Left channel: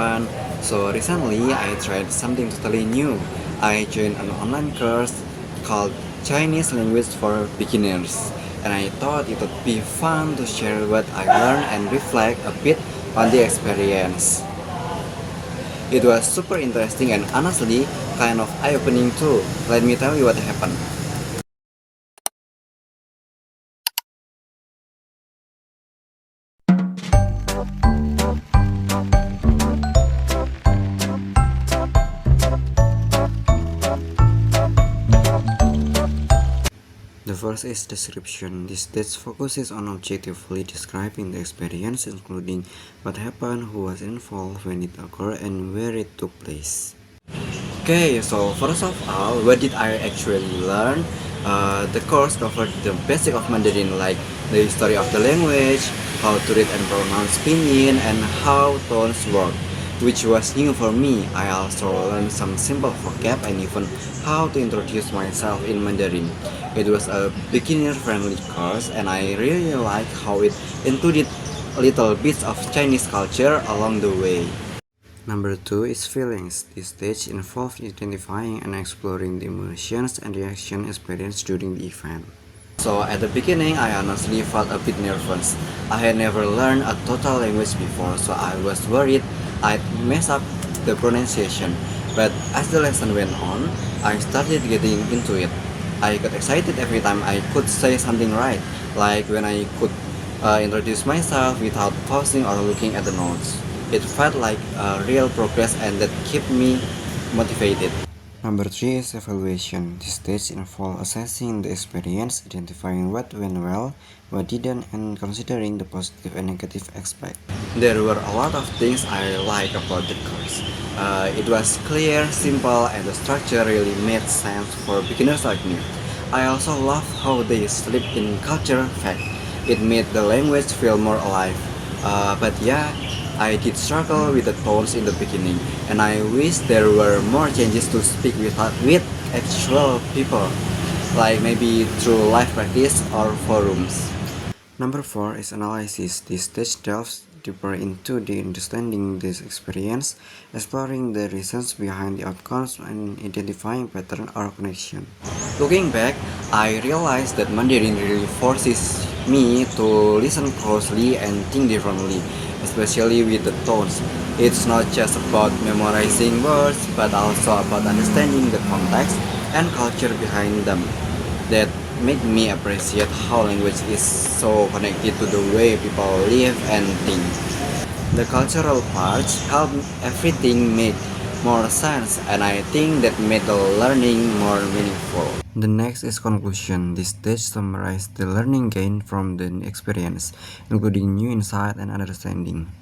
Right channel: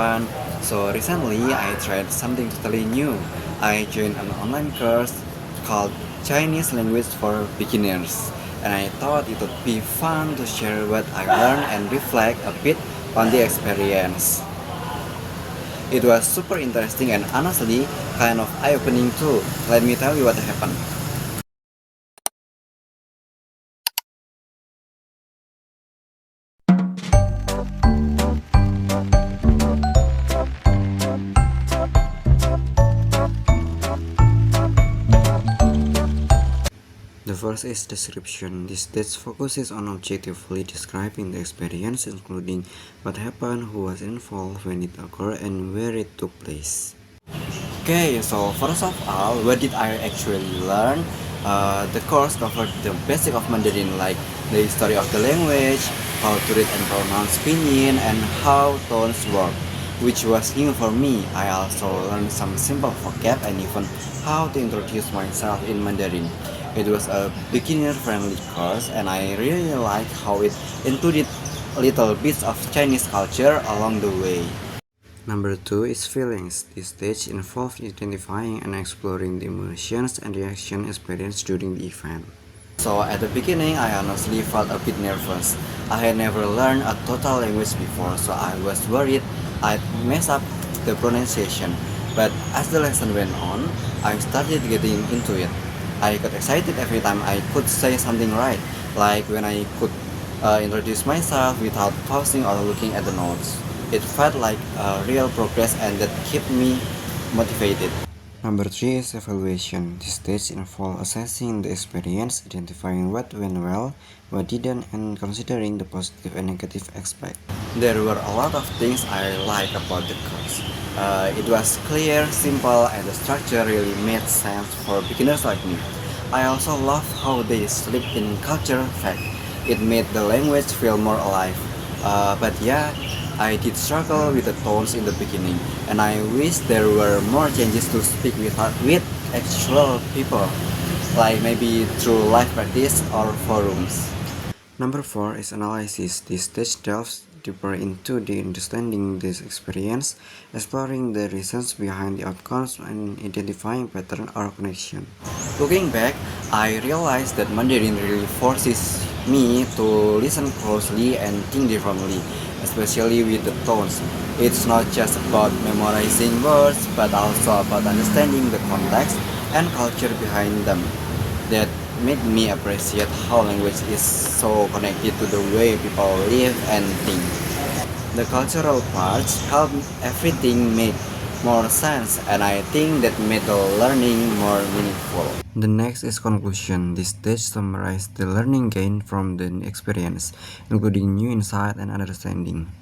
everyone. So recently I tried something totally new. I joined an online course called Chinese Language for Beginners, and I thought it would be fun to share what I learned and reflect a bit on the experience. It was super interesting and honestly kind of eye-opening too. Let me tell you what happened. The first is description. This stage focuses on objectively describing the experience, including what happened, who was involved, when it occurred, and where it took place. Okay, so first of all, what did I actually learn? The course covered the basic of Mandarin, like the history of the language, how to read and pronounce pinyin, and how tones work, which was new for me. I also learned some simple vocab and even how to introduce myself in Mandarin. It was a beginner-friendly course, and I really liked how it included little bits of Chinese culture along the way. Number 2 is feelings. This stage involved identifying and exploring the emotions and reaction experienced during the event. So at the beginning, I honestly felt a bit nervous. I had never learned a total language before, so I was worried I'd mess up the pronunciation. But as the lesson went on, I started getting into it. I got excited every time I could say something right, like when I could introduce myself without pausing or looking at the notes. It felt like real progress and that kept me motivated. Number 3 is evaluation. This stage involves assessing the experience, identifying what went well, what didn't, and considering the positive and negative aspects. There were a lot of things I liked about the course. It was clear, simple, and the structure really made sense for beginners like me. I also loved how they slipped in culture fact. It made the language feel more alive. But yeah, I did struggle with the tones in the beginning, and I wish there were more changes to speak with actual people, like maybe through live practice or forums. Number 4 is analysis. This stage delves deeper into the understanding this experience, exploring the reasons behind the outcomes and identifying pattern or connection. Looking back, I realized that Mandarin really forces me to listen closely and think differently, especially with the tones. It's not just about memorizing words, but also about understanding the context and culture behind them. That made me appreciate how language is so connected to the way people live and think. The cultural parts helped everything make more sense, and I think that made the learning more meaningful. The next is conclusion. This stage summarizes the learning gained from the experience, including new insight and understanding.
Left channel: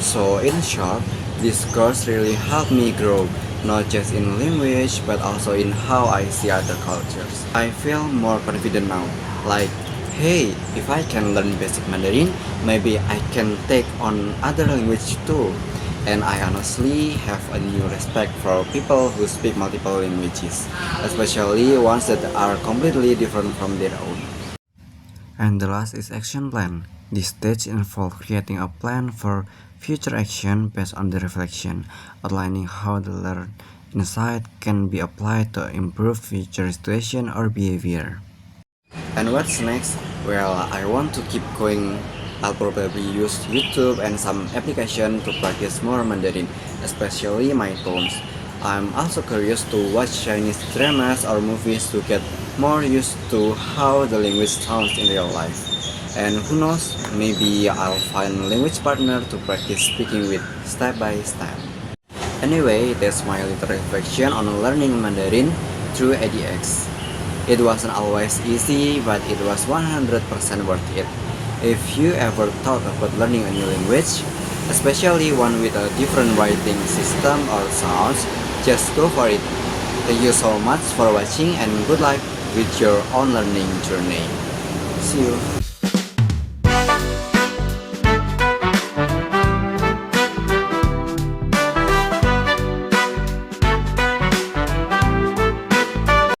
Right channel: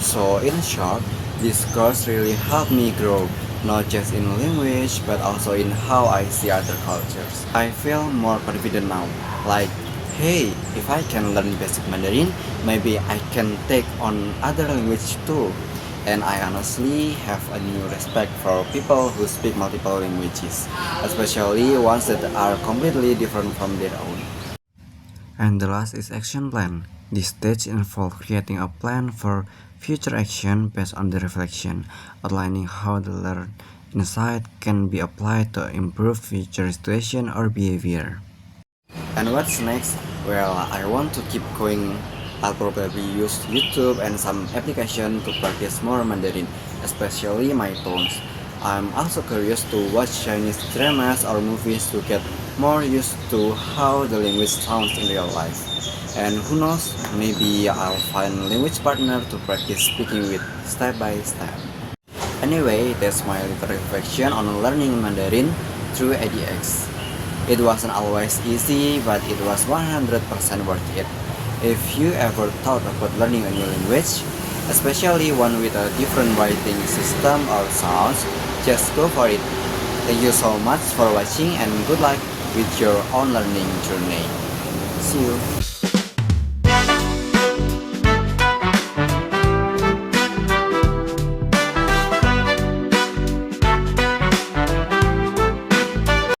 So in short, this course really helped me grow, not just in language, but also in how I see other cultures. I feel more confident now, like, hey, if I can learn basic Mandarin, maybe I can take on other language too. And I honestly have a new respect for people who speak multiple languages, especially ones that are completely different from their own. And the last is action plan. This stage involves creating a plan for future action based on the reflection, outlining how the learned insight can be applied to improve future situation or behavior. And what's next? Well, I want to keep going. I'll probably use YouTube and some application to practice more Mandarin, especially my tones. I'm also curious to watch Chinese dramas or movies to get more used to how the language sounds in real life. And who knows, maybe I'll find a language partner to practice speaking with step by step. Anyway, that's my little reflection on learning Mandarin through ADX. It wasn't always easy, but it was 100% worth it. If you ever thought about learning a new language, especially one with a different writing system or sounds, just go for it. Thank you so much for watching and good luck with your own learning journey. See you.